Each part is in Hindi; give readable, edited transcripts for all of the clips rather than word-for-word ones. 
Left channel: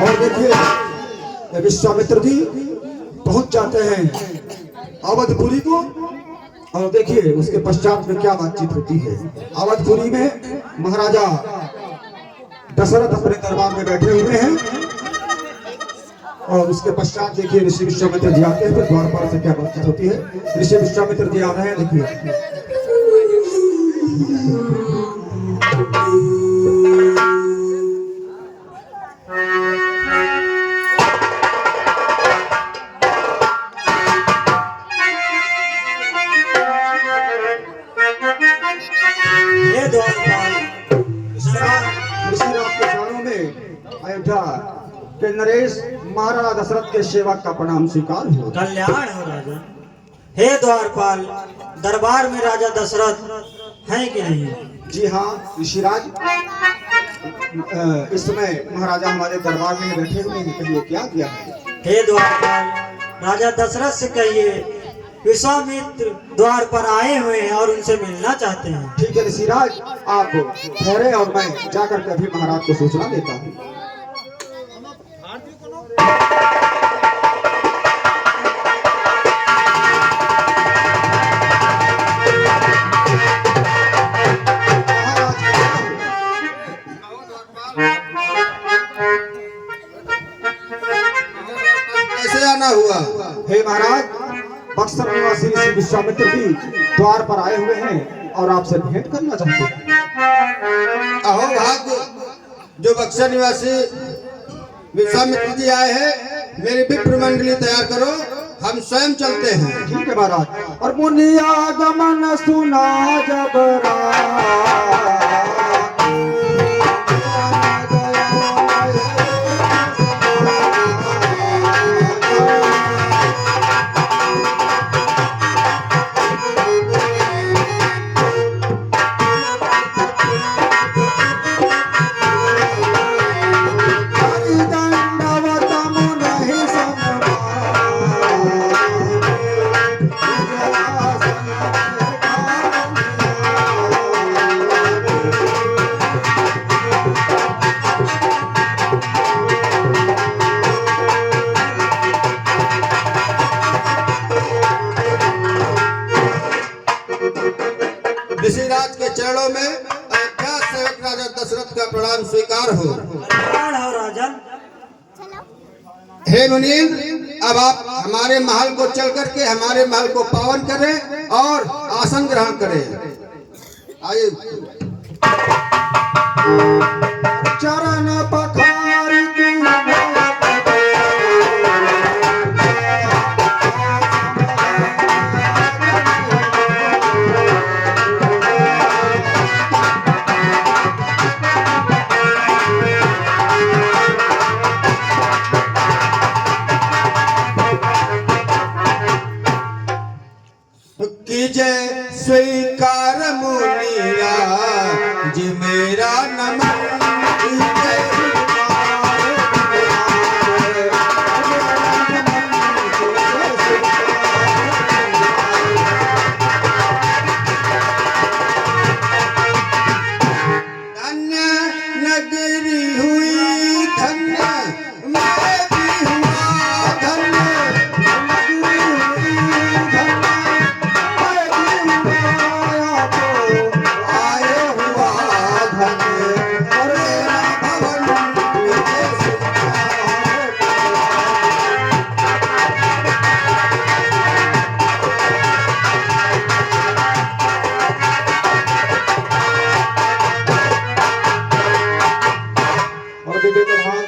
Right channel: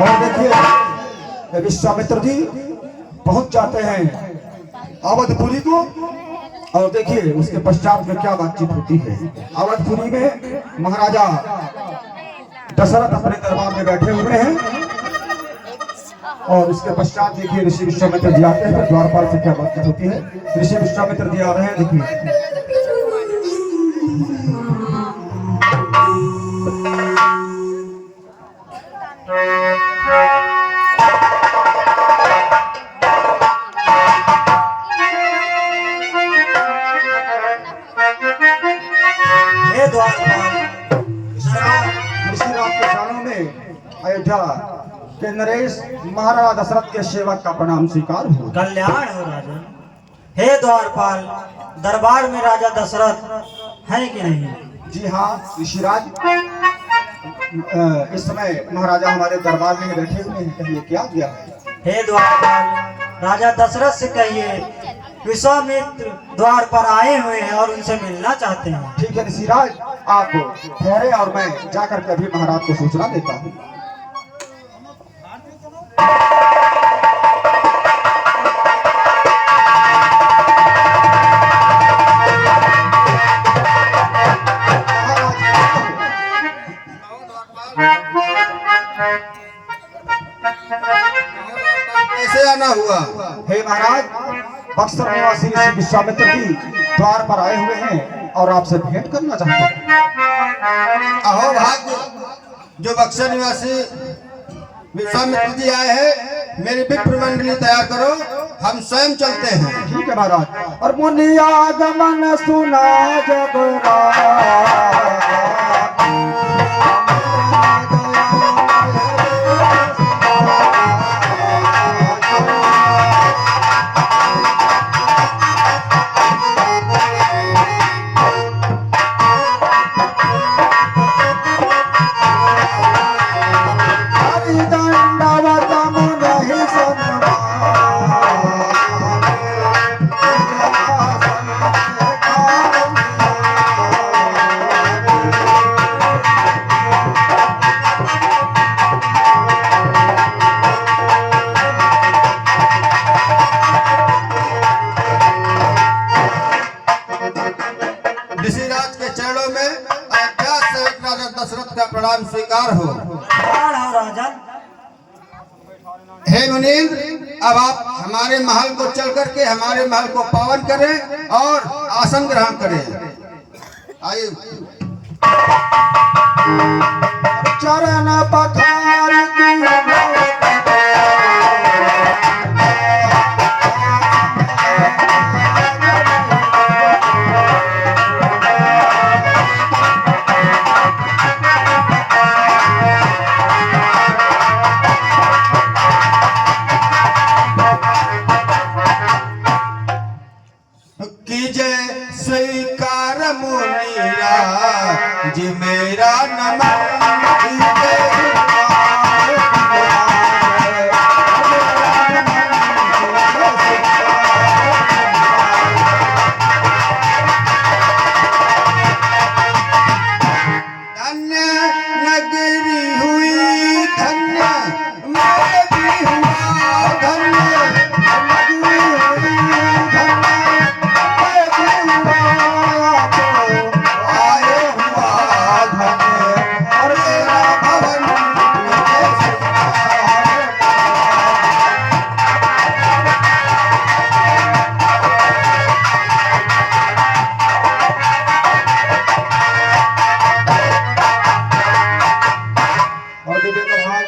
और देखिए विश्वामित्र जी पहुंच जाते हैं अवधपुरी को। और देखिए उसके पश्चात में क्या बातचीत होती है। अवधपुरी में महाराजा दशरथ अपने दरबार में बैठे हुए हैं और उसके पश्चात देखिए ऋषि विश्वामित्र जी आते हैं। फिर द्वारपाल से क्या बातचीत होती है। ऋषि विश्वामित्र जी आ रहे हैं, देखिए। अयोध्या के नरेश महाराजा दशरथ के सेवक का प्रणाम स्वीकार हो। कल्याण हो राजन। हे द्वारपाल, दरबार में राजा दशरथ हैं कि नहीं? जी हाँ ऋषिराज, इस समय महाराजा हमारे दरबार में बैठे हुए हैं। कहिए क्या किया है? हे द्वारपाल, राजा दशरथ से कहिए विश्वामित्र द्वार पर आए हुए हैं और उनसे मिलना चाहते हैं। ठीक है ऋषिराज, आप ठहरे और मैं जाकर के अभी महाराज को सूचना देता हूँ। कैसे आना हुआ? हे महाराज, बक्सर निवासी ऋषि विश्वामित्र जी द्वार पर आए हुए हैं और आपसे भेंट करना चाहते हैं। अहो भाग्य, जो बक्सर निवासी विश्वामित्र जी आए हैं, मेरी विप्र मंडली तैयार करो, हम स्वयं चलते हैं। ठीक है महाराज। और मुनिया गमन सुना जब ऋषिराज के चरणों में अयोध्या से राजा दशरथ का प्रणाम स्वीकार हो। राजन। हे मुनीन्द्र, अब आप हमारे महल को चल करके हमारे महल को पावन करें और आसन ग्रहण करें। आइए। चरण पखार कीजे स्वीकार मुनीरा जी मेरा नमन। धन्य नगरी हुई धन्य, मैं भी हुआ धन्य।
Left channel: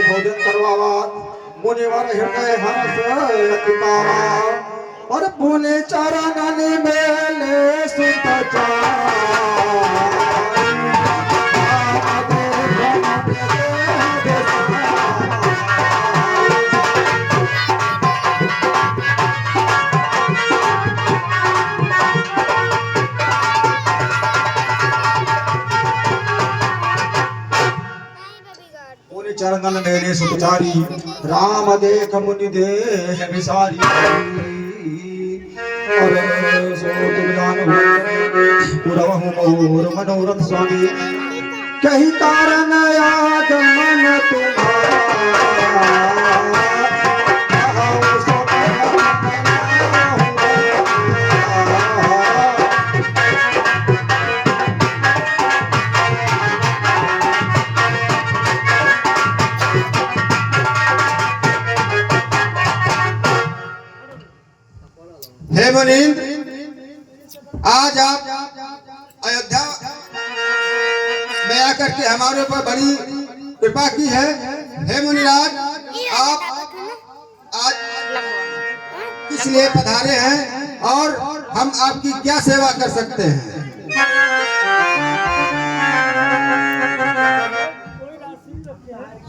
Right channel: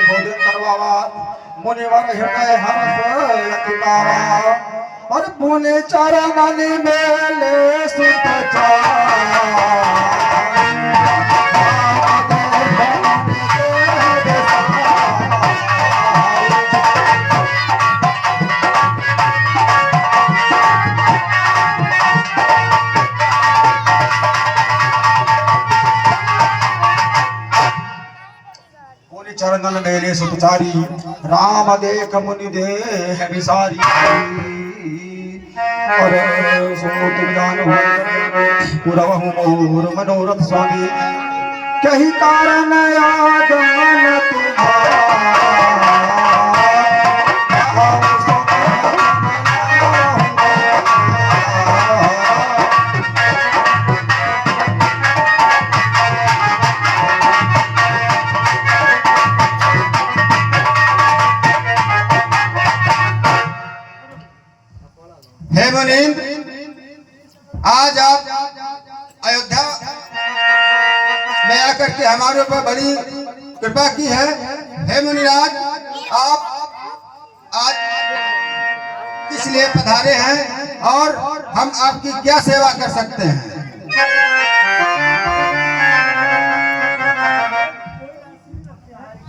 भोजन करवावा मुनिवर हृदय हर्ष अतिकावा। और पुण्य चरणन मेले सुत चरणन मेले सुतचारी। राम देख मुनि देह विसारी। अरे सो तुम जानो पुरवहु मोर मनोरथ स्वामी। कही कारण आगमन तुम्हारा। मुनींद्र, आज आप अयोध्या में आकर के हमारे ऊपर बड़ी कृपा की है। हे मुनिराज, आप आज किस लिए पधारे हैं और हम आपकी क्या सेवा कर सकते हैं?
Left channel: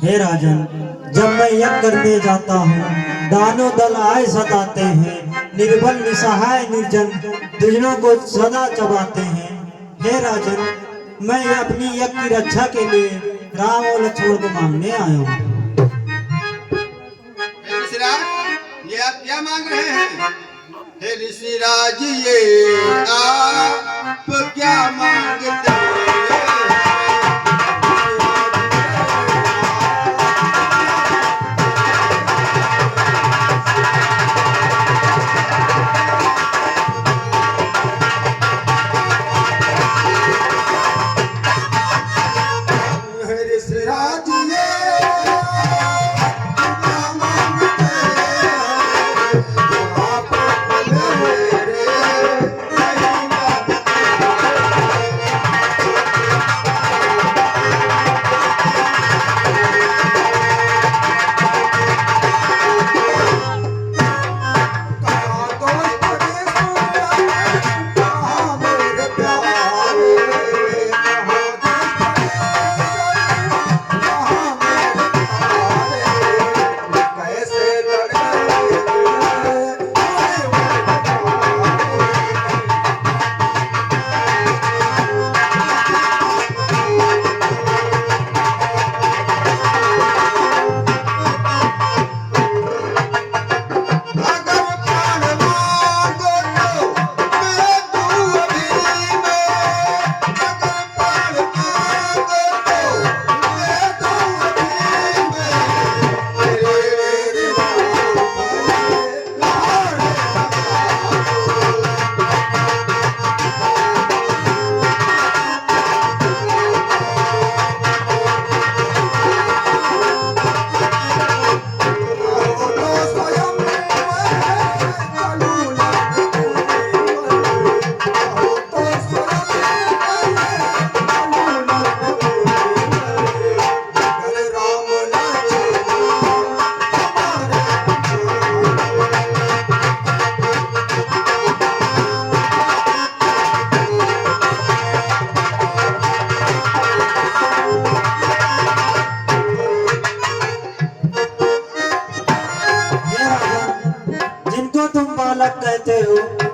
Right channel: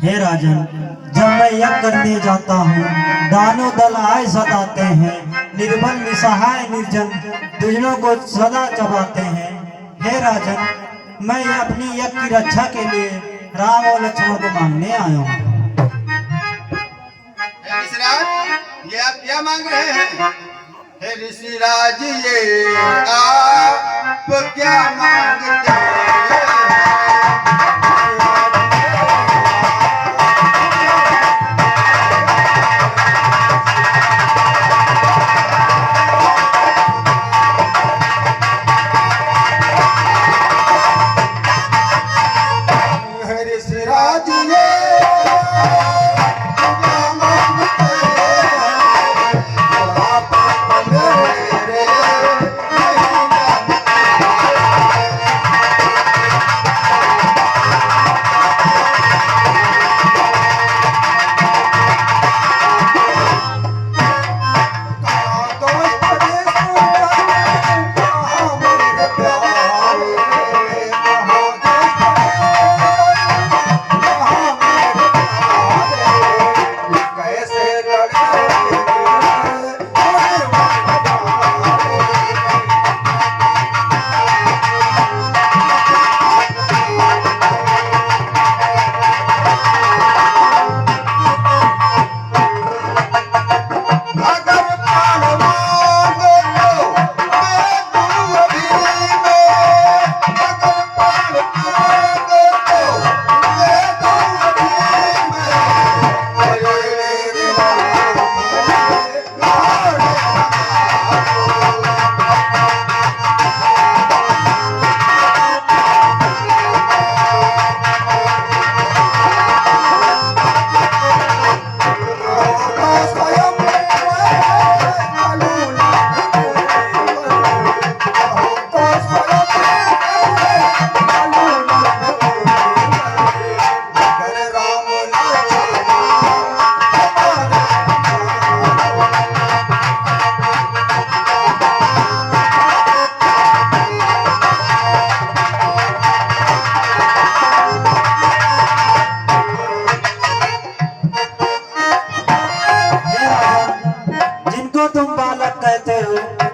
हे राजन, जब मैं यज्ञ करने जाता हूँ, दानों दल आए सताते हैं, निर्बल निसहाय निर्जन दुजनों को सदा चबाते हैं। हे राजन, मैं अपनी यज्ञ की रक्षा के लिए राम और लक्ष्मण को मांगने आया हूँ। हे ऋषिराज, ये आप क्या मांग रहे हैं? हे ऋषिराज, ये आप क्या मांगते हैं?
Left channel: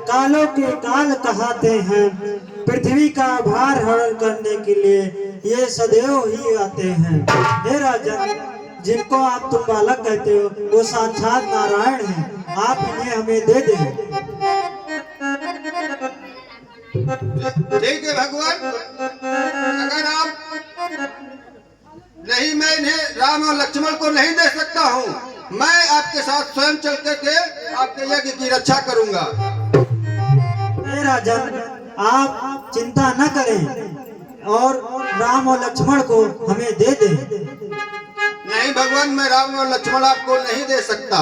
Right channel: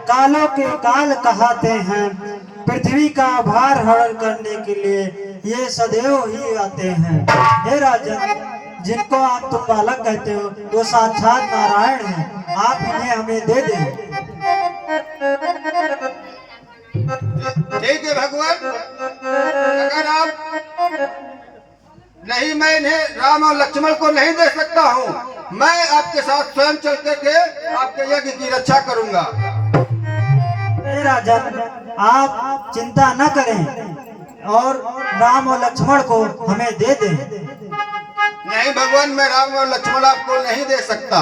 कालों के काल कहाते हैं, पृथ्वी का भार हरण करने के लिए ये सदैव ही आते हैं। हे राजन, जिनको आप तुम बालक कहते हो वो साक्षात नारायण हैं, आप इन्हें हमें दे दें। ठीक है भगवान, अगर आप नहीं, मैं इन्हें राम और लक्ष्मण को नहीं दे सकता हूँ, मैं आपके साथ स्वयं चल करके आपके यज्ञ की रक्षा करूंगा। राजन, आप चिंता न करें और राम और लक्ष्मण को हमें दे दें। नहीं भगवान, मैं राम और लक्ष्मण आपको नहीं दे सकता।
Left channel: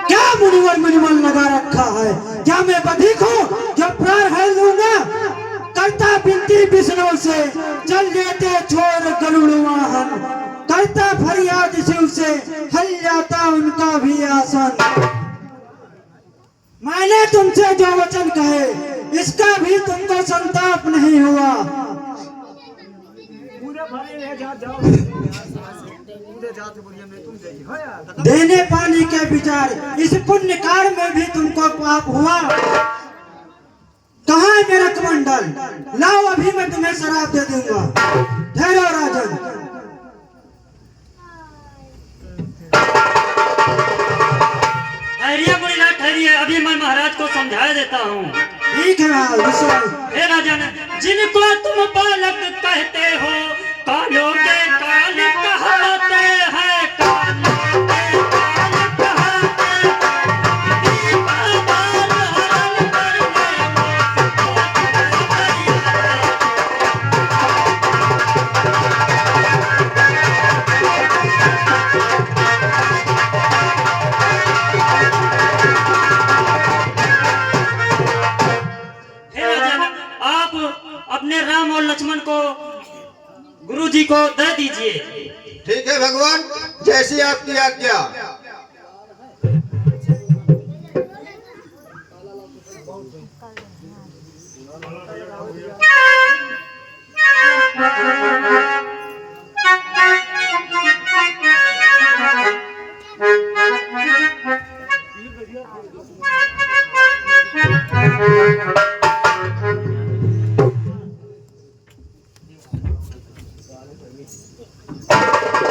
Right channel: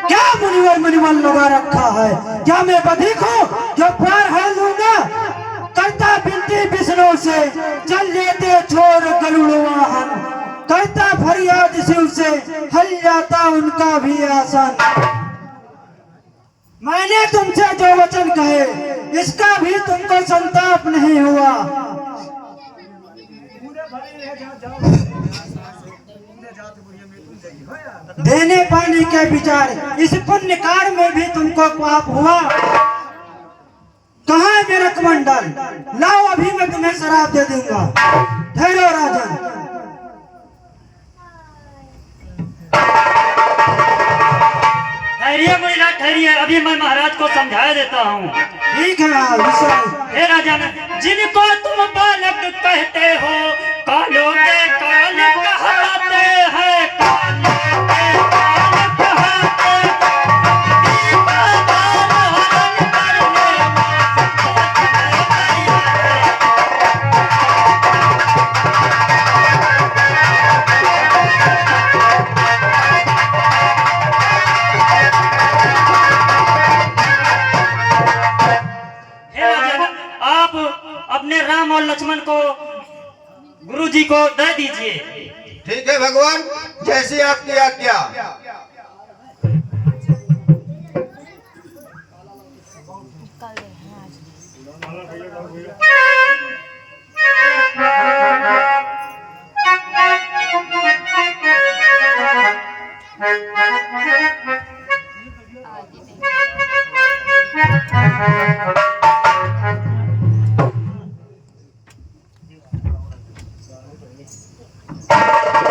क्या मुनिवर लगा रखा है? क्या मैं बधिक हूँ जो प्राण हर लूंगा? करता बिनती विष्णु से, चल लेते छोड़ गरुड़ वाहन, करता फरियाद शिव से, हल जाता उनका भी आसन। मैंने तुमसे जो वचन कहे, इसका भी तुमको संताप नहीं हुआ। देने पानी के विचार, इस पुण्य कार्य में भी तुमको पाप हुआ। कहाँ है मेरा कमंडल? लाओ, अभी मैं तुम्हें शराब दे दूंगा। ठहरो राजन। ठहरिए मुनीलाल, ठहरिए, अभी मैं महाराज को समझाया देता हूँ। ठीक है। हे राजन, जिनको तुम बालक कहते हो, कालों के काल कहते हैं, कालों के काल कहते दे दीजिए। ठीक है भगवान, जैसी आपकी आज्ञा।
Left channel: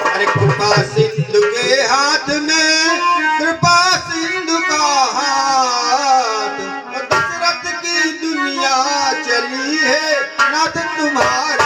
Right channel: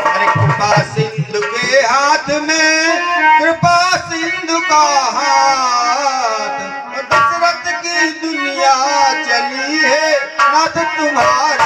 अरे कृपा सिंधु के हाथ में, कृपा सिंधु का हाथ, दशरथ की दुनिया चली है नाथ तुम्हारे